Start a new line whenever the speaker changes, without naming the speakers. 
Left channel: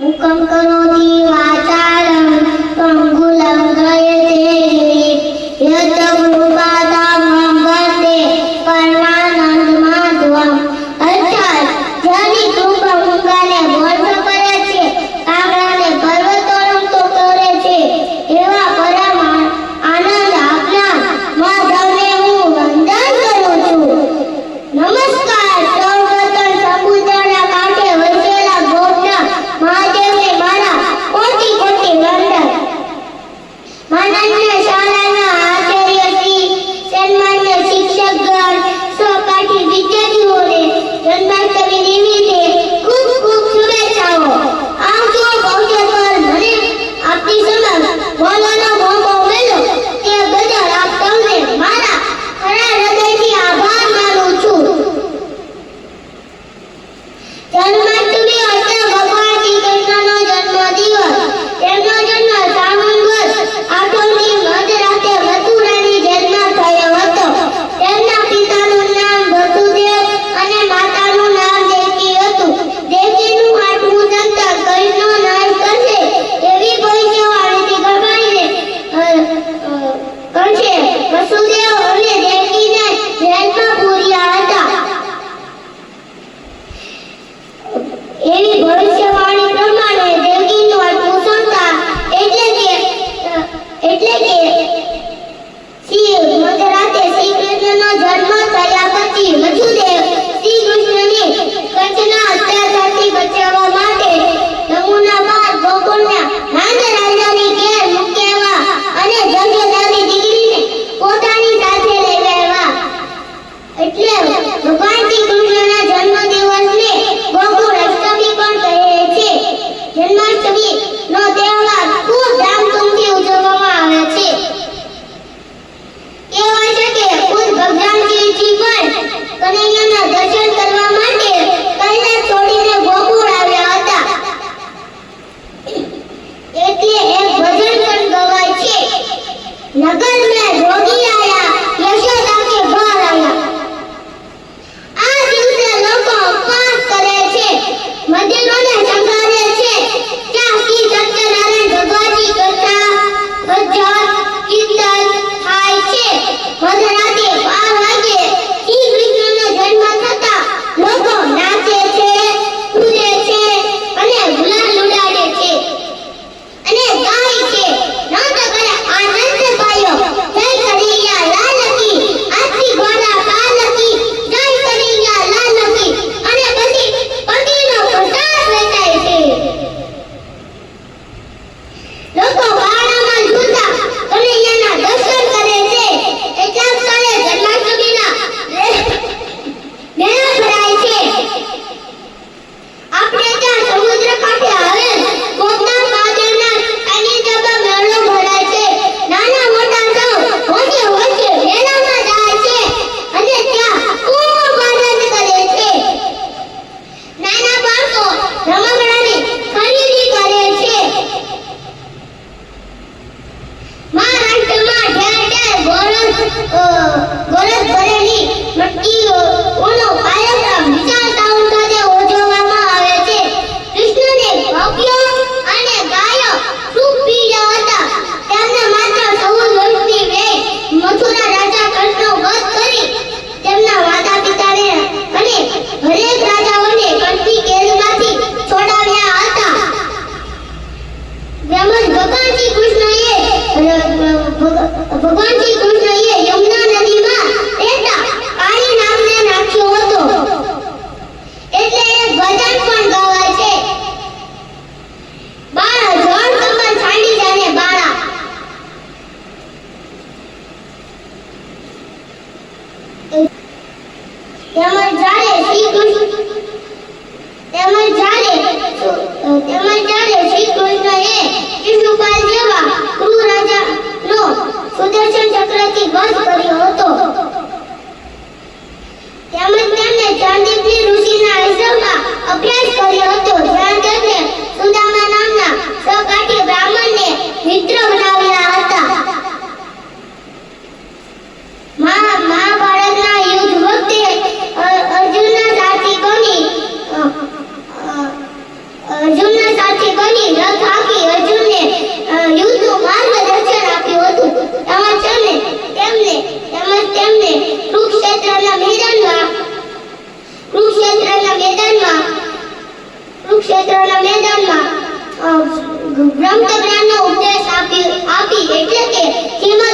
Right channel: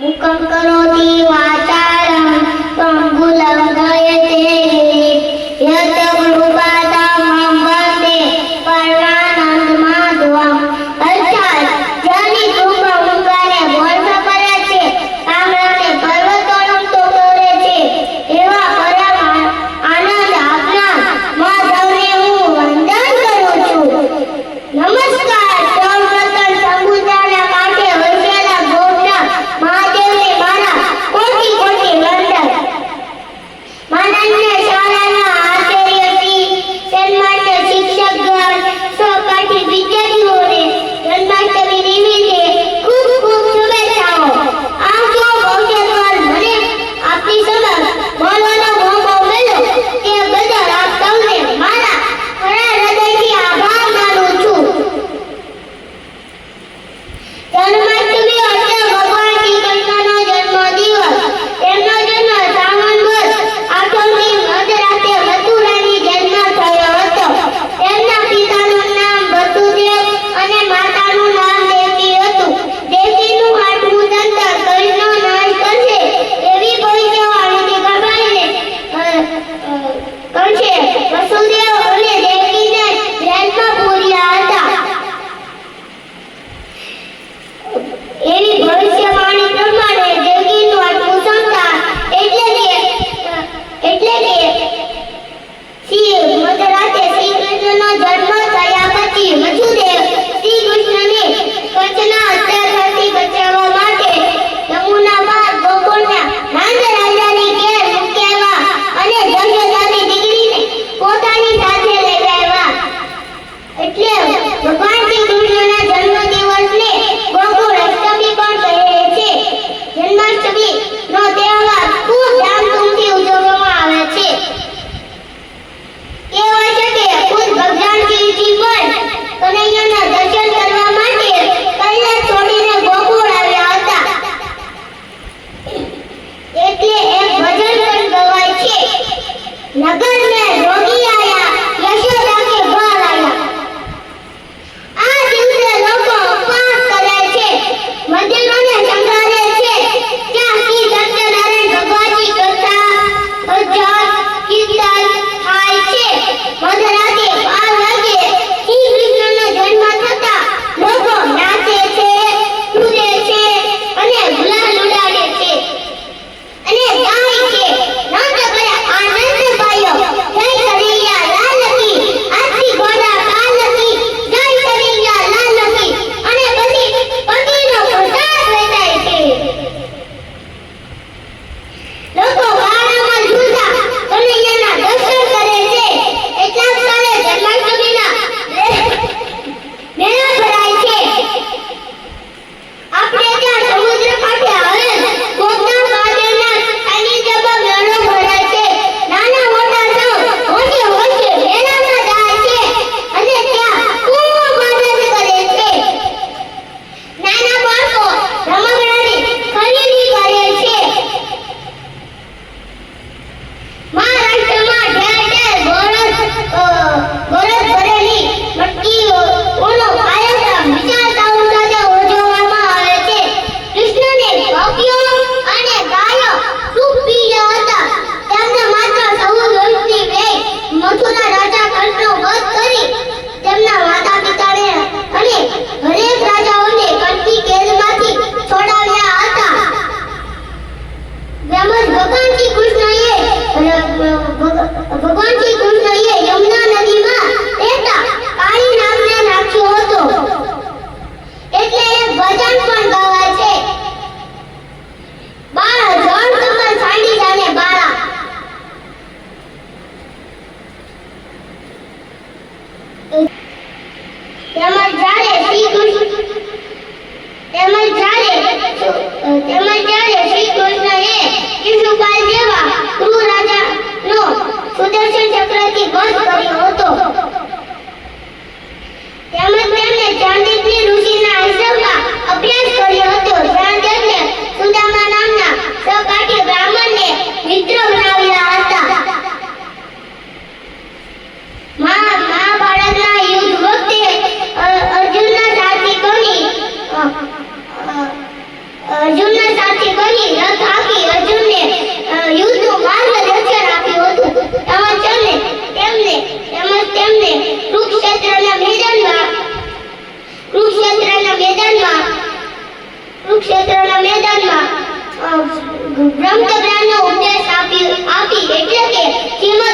मुखं करोति वाचालं त्वं કરશે. વસુદેવ અને તેમના માતા પિતાને અને હરેક રાજાઓને કટકી કેદમાંથી છોડાવ્યા હતા. તેમજ ભગવાનજી કૃષ્ણએ ભગવાનજી The ¿Quién